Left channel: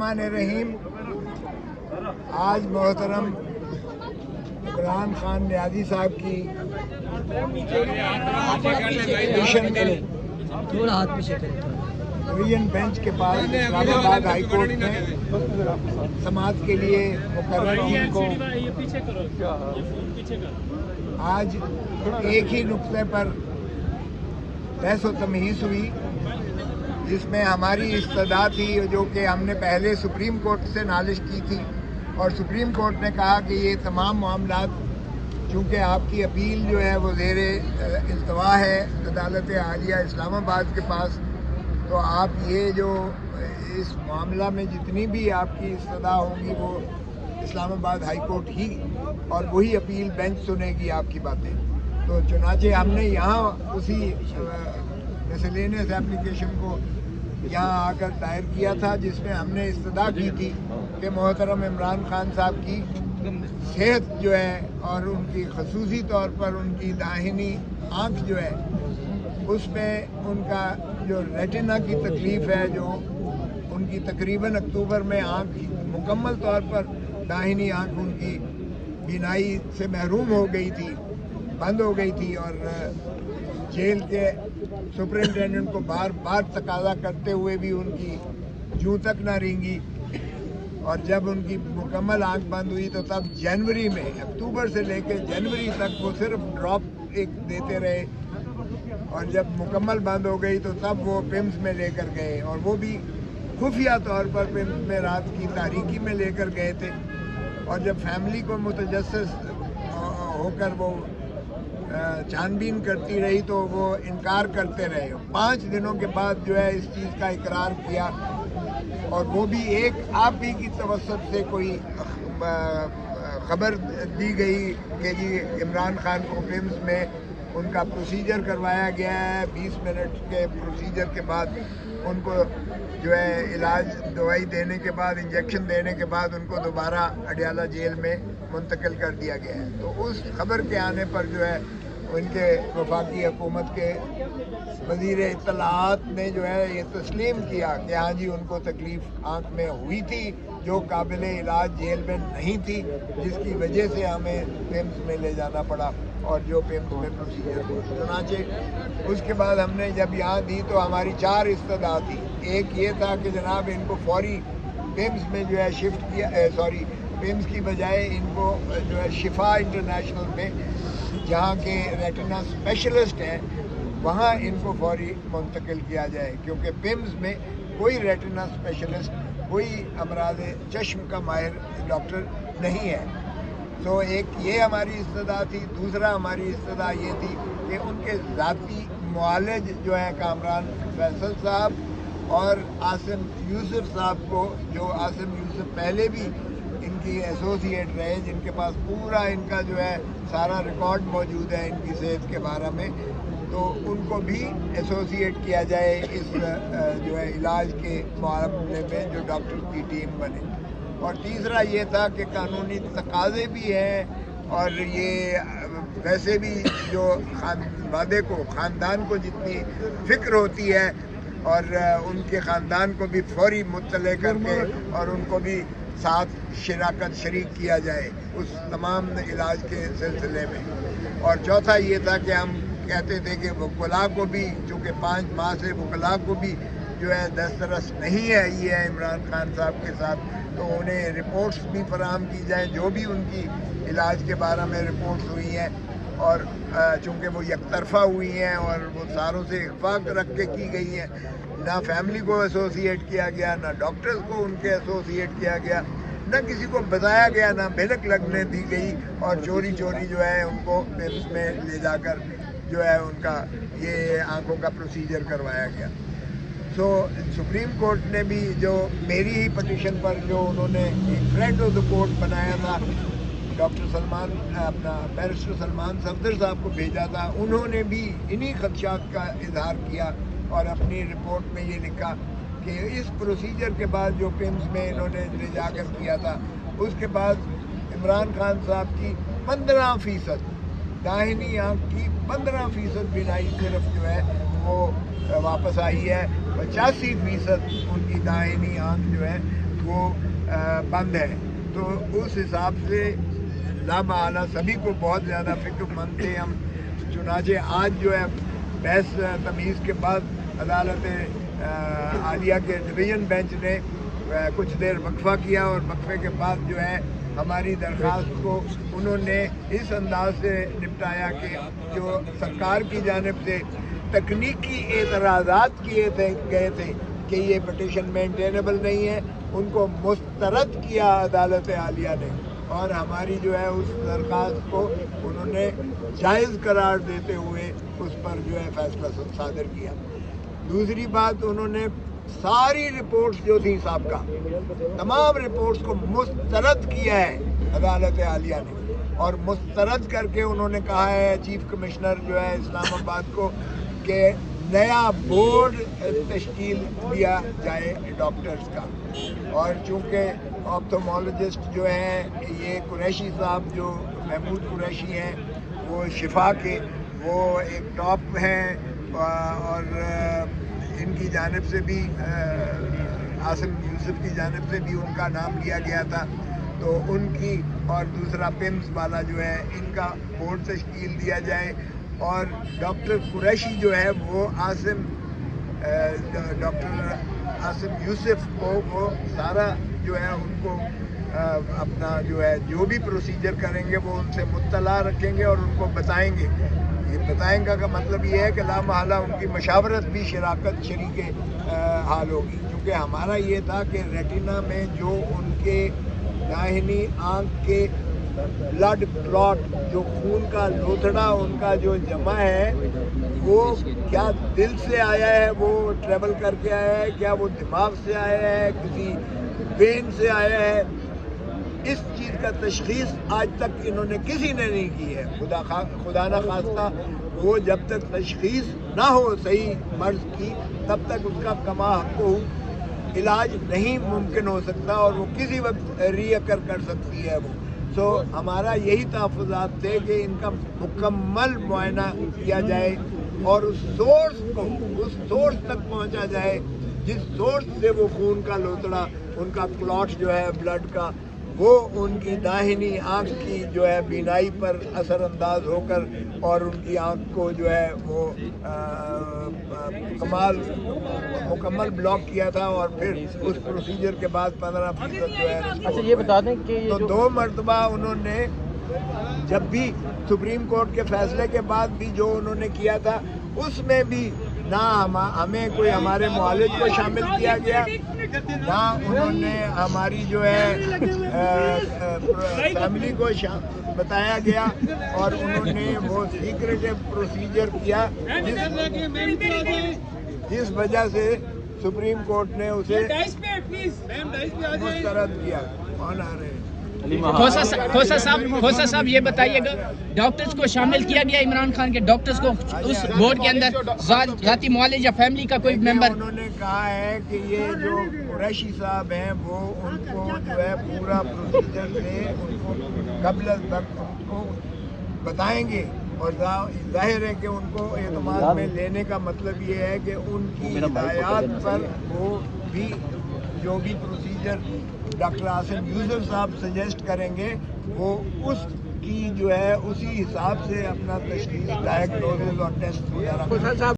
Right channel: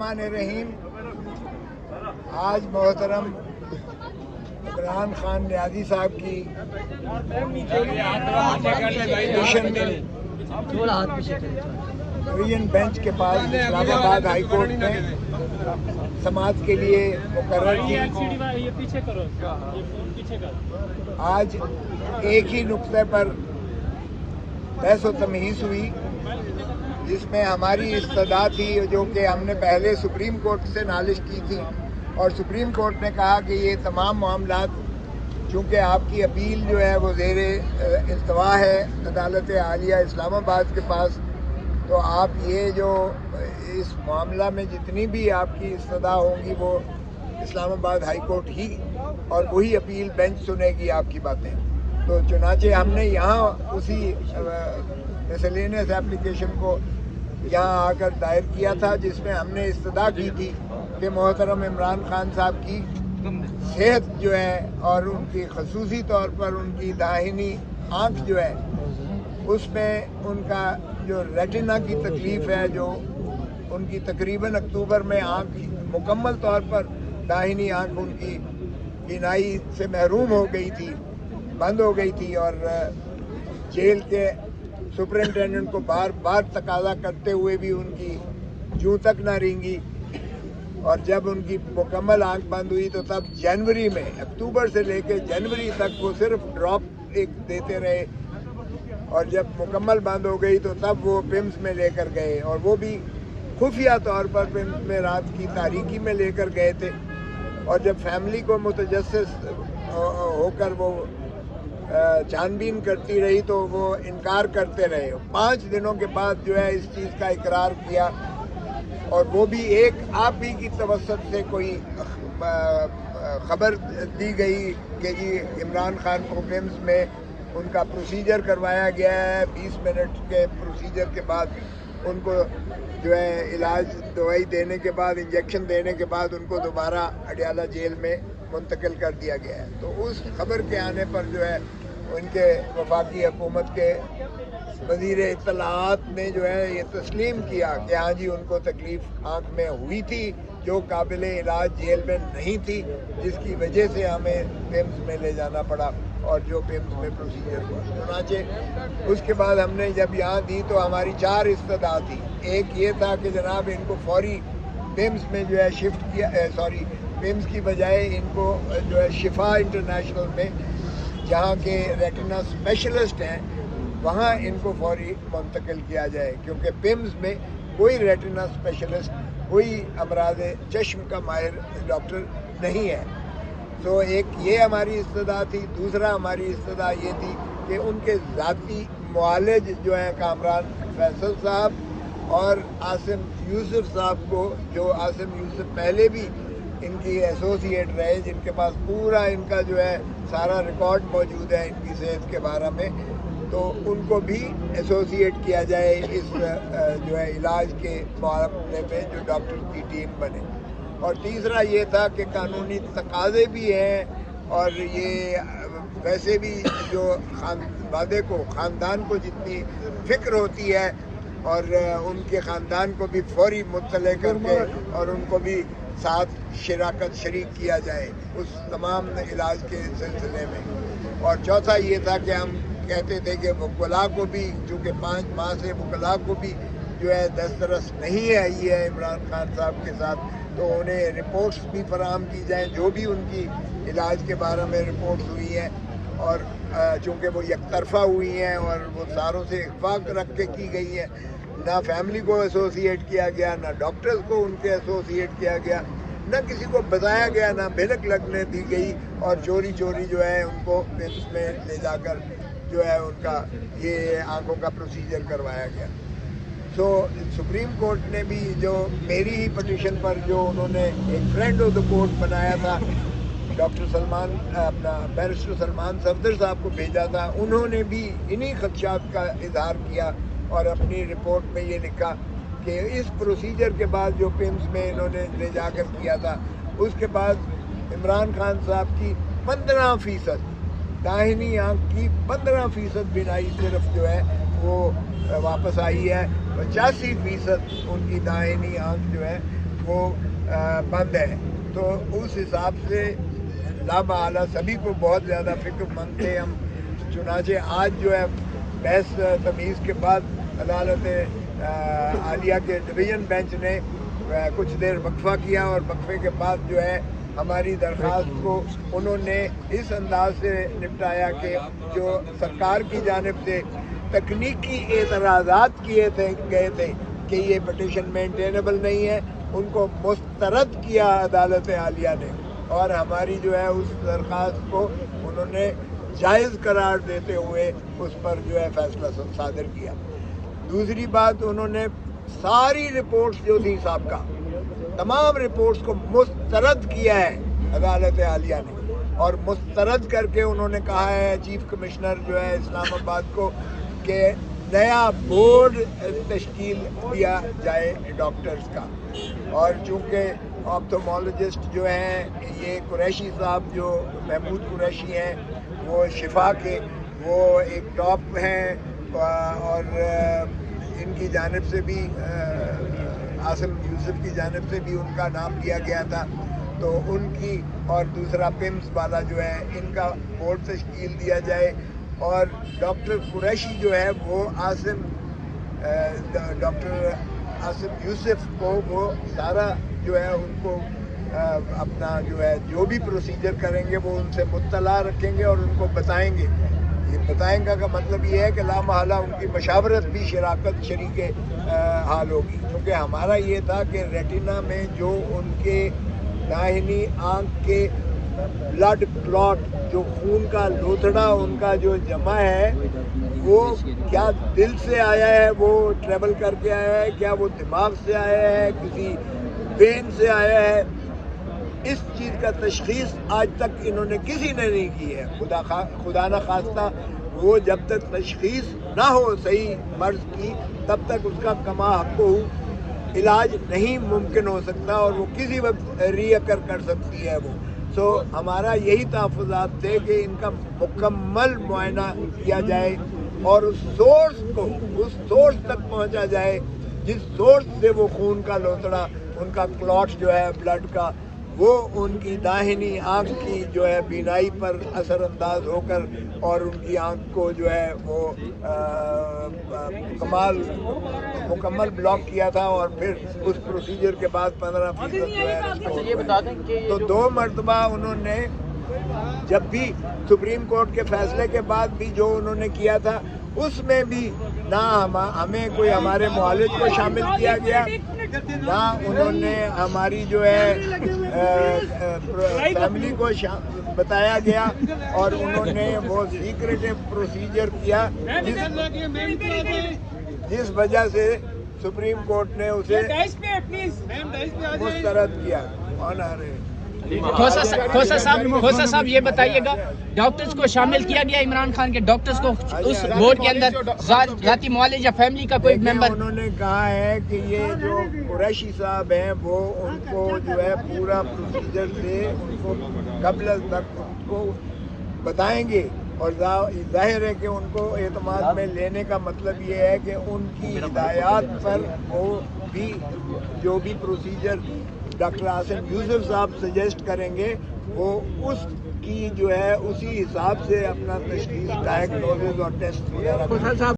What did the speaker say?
रहीम। आज मोहतरम इमरान खान नियाज़ी साहब की डिवीजन बेंच के पास इस्लामाबाद हाई कोर्ट में समाअत के लिए मुकर्रर थी। आज एक ही नुक्ते पर बहस व तमहीज़ हुई, जिसमें हमारी इस्तदा थी जो कि हमने पहले सुप्रीम कोर्ट से नालिश की थी, और सुप्रीम कोर्ट ने कहा कि ये तमाम मामलात चूँकि आपकी अपील जो है वो ज़ेरे इल्तवा है अदालत आलिया इस्लामाबाद के पास, तो आप ये जो इस मामला में जितनी भी आपकी इस्तदा होगी वो इस्लामाबाद हाई कोर्ट ही और वही अपील बेंच सुनेगी आपकी बातें। तो चुनाचे हमने यहाँ उसी मिसलेनियस एप्लीकेशन को यहाँ आकर दायर किया था, जिसमें हमने इस्तदा की थी कि मोहतरम इमरान खान साहब की सेहत जो है और उनकी खसूसी तौर पर उनकी दाहिनी आँख जो है उसमें उनका जो रेटिना की तकलीफ़ है, जो उनकी तकरीबन अक्टूबर में आँख मुकम्मल तौर पर दाहिनी आँख उनकी बीनाई से महरूम हो गई थी, बंद हो गई थी, और जेल के सुपरिटेंडेंट को बार बार तकाजा करते हुए भी उनकी जूं तक ना रेंगी, और जब उनकी मुकम्मल आंख बंद हुई तो तब जनवरी में, अक्टूबर से लेकर जनवरी तक वो सिर्फ ड्रॉप एक देते रहे, और जब मुकम्मल बंद हो गई तो तब वो पिम्स में लेकर गए, और वो भी खुफिया तौर पर पिम्स में रात की तारीकी में लेकर गए थे। और जब फैमिली को मुतजस्सिस होकर वो छानबीन करती रही तो वो इनकार करते रहे। 5 दिनों के बाद जो है इस चीज़ का इकरार किया, और वो भी एक आप ही की तवस्सुत से कोई खबर दी गई कि जी इमरान खान को पिम्स में उनका प्रोसीजर करवाया गया है। 20 मिनट के प्रोसीजर के बाद उनको जो है इलाज दवाई देने के बाद, इंजेक्शन देने के बाद उनको दोबारा अडयाला जेल में मुंतकिल कर दिया गया है। तो उस खबर के आने पर जो है उनके वफाकी हुकूमत के वज़ीर इत्तलाआत ने जो है ये तस्लीम किया कि हाँ जी उनको तकलीफ़ आँख में हुई थी जो काबिल इलाज जेल में नहीं थी, जिसकी वजह से हमें पिम्स में ले जाना पड़ा और जो पिम्स में प्रोसीजर हुआ। चुनाचे उसके बाद हमने जब यहाँ दी तो हमारी 4 इस्तदा थी। एक ये था कि जनाब इनको फौरी पिम्स में जो है शिफ्ट किया, पिम्स की बजाय इनको जो है शिफा इंटरनेशनल में जहाँ के रेटिना स्पेशलिस्ट हैं वहाँ इनको फौरी मुंतकिल किया जाए, क्योंकि पिम्स में कोई रेटिना स्पेशलिस्ट, कोई अमराद चश्म का माहिर डॉक्टर नहीं है। तो एक ये हमारी इस्तदा थी। दूसरा हमारी इस्तदा ये थी कि उनके ज़ाती मुआलिज जो हैं कामरान फैसल साहब और आसिम यूसुफ साहब को, जो आसिम यूसुफ पहले भी इनकी एसोसिएट रहे, जिनके पास पूरा इनका जो है सारा रिकॉर्ड मौजूद है इनकी सेहत के बारे में, तो उनको भी एसोसिएट किया जाए इस जो है इलाज के मामले में जो डॉक्टर की टीम बने। और तीसरा ये था कि कानूनी तकाज़े भी हैं, और ये वैसे भी जो ख़ानदान को जितनी फ़िक्र होती है और उनके ख़ानदान को भी फौरी मुत्तले करके और उनको भी साथ शराकत शरीक किया जाए उस तमाम इलाज के सिलसिले में। और चौथा ये था कि हम कहते थे कि वकला को भी, चूँकि 5 माह से वकला को भी जो है दस्तरस नहीं आई है इमरान खान साहब के साथ, तो उन्हें रिपोर्ट्स भी फराहम की जाएँ जो भी उनकी इलाज के बारे में रिपोर्ट्स हुई हैं, और चूँकि वो यकतरफा हुई हैं और वो सारों से इख्फाक रख के की गई हैं, ना फैमिली को एसोसिएट किया गया, ना डॉक्टर्स को उनके एसोसिएट किया गया, ना किसी को बताया गया, ना भिनक लगने दी गई, और चोरी चोरी जो है उनको पिम्स में ले जाकर जो है उनका ये आँखों का प्रोसीजर करवाया गया। सो सुप्रीम कोर्ट ने भी जो मेरी ही पटिशन पर जो उन्होंने एक फ्रेंड ऑफ द कोर्ट बनाया था, डॉक्टर सलमान, अपना बैरिस्टर सलमान सफदर साहब को भेजा था, उन्होंने भी इन्हीं खदशात का इजहार किया और अपनी रिपोर्ट में ये लिखा कि इस प्रोसीजर के बाद जो पिम्स में इन्होंने ले जाकर किया था, उसके बाद इमरान खान साहब की 15% दाहिनी आँख की 15% बीनाई सिर्फ जो है वो वापस आई है। 85% उनकी दाहिनी आँख जो है وہ بند ہے. تو اس حساب سے لامحالہ سبھی کو بہت زیادہ فکر مند تھے ہم. چنانچہ آج جو ہے بحث تمیز کے بعد عدالت عالیہ کے ڈویژن بینچ نے کچھ دیر وقفہ کیا اور وقفے کے بعد جو ہے ہماری درخواست کو انہوں نے اس انداز سے نپٹایا کہ جو سرکار کی جانب سے تکنیکی اعتراضات کیے گئے تھے کہ یہ پٹیشن مینٹینیبل نہیں ہے، ان کو مسترد کیا عدالت عالیہ نے، اور ہماری جو ہے اس درخواست کو انہوں نے جائز قرار دیتے ہوئے اس پر جو ہے فیصلہ صادر کیا. دوسری بات، انہوں نے ساری رپورٹس جو تھی سابقہ تمام رپورٹس کو مسترد کیا ہے عدالت عالیہ نے، اور مسترد کر کے انہوں نے کہا ہے چیف کمشنر جو ہے اسلام آباد کو کہ نیا بورڈ تشکیل دیا جائے ڈاکٹرز کا. اور چونکہ آپتھالمولوجسٹ جو ہیں یہ قریشی صاحب جو محمود قریشی ہیں وہ شفا کے وہ ایک ٹاپ ہیں، اور ان کی جانب سے بھی عاصم یوسف کی جانب سے بھی ان کا نام لیا گیا تھا، تو ان کی اور دوسرا پمز والا جو ہے ان کا بورڈ تشکیل دیا جائے. اور ڈاکٹر قریشی جو ہے وہ ڈاکٹر عاصم یوسف کو وہ سارا جو ہے ان کو اپنا جو ہے جو بھی پروسیجر کریں گے وہ ان سے مطلع رکھیں گے اور ان کو بتائیں گے. یہ بتائیں گا کا مطلب یہ ہے کہ لامحالہ ان کی مشاورت بھی شریک حال ہوگی، کیونکہ ہمارا یہ تھا کہ ریٹینا میں جو ان کے داہنی آنکھ کے بلڈ کلاٹ جو خون کا لوتھڑا ان کا جو جمع ہے وہ کیا دل سے آیا ہے، وہ ٹریول کر کے آیا ہے، کیا وہ دماغ سے آیا ہے، کسی وین سے آیا ہے، اس چیز کا تشخیص آج تک انہوں نے کسی نے نہیں کی ہے. خدا نہ خواستہ وہ جب تک تشخیص نہ ہو صحیح مرض کی تب تک اس کا کما حق علاج نہیں ممکن ہو سکتا، اور وہ کسی وقت ری اکر کر سکتی ہے وہ. ہمارا یہی تحفظات تھے کہ ان کا مکمل معائنہ کیا جائے اور اس سورس تک پہنچا جائے جس سورس سے وہ خون کا لوتڑا ان کا کلاٹ جو ہے بلڈ کا وہ ان کی داہنی آنکھ کی جو ہے بینائی پر اثر انداز ہو کر اور ان کی آنکھ کو جو ہے وہ مکمل بلاک کیا تھا، اور پھر اس پروسیجر کے بعد 15% جو ہے یہ بتا دیں کہ تو 2 مرتبہ انہوں نے جب بھی سپریم کورٹ کے فیصلے کے بعد بھی جو انہوں نے کیا تھا اس میں بھی نہ ہمیں کوئی ہمارے معالج کو شامل کیا گیا، نہ انہوں نے ہماری جو ہے فیملی کو بتایا گیا، اور انہوں نے وہ سیکریٹو پروسیجر کیا جس وجہ سے سپریم کورٹ نے اسے مسترد کیا. کون آ رہے ہیں؟ کھوسا صاحب یہ بتائیے گا ڈاکٹرز کو شامل کیا گیا عمران خان کے ڈاکٹرز کو اس بورڈ کے اندر ذاتی معالج یا فیملی کا کوئی ممبر؟ انہوں نے کہا ہے کہ یہ جو قریشی صاحب ہیں وہ ان کو جو ہے پورا پروسیجر سے ان کو قبل تک ان کو بتائیں گے، اور ظاہر ہے کہ ان کو اعتماد میں لینے کا مطلب یہ ہے کہ ان کی ہدایات پر وہ بھی جو بھی پروسیجر ڈاکٹر عاصم یوسف صاحب سجیسٹ کریں گے وہ اس کی جو ہے اسی حساب سے اپنا تشخیص ڈائگنوسس اور ٹیسٹ وغیرہ کریں.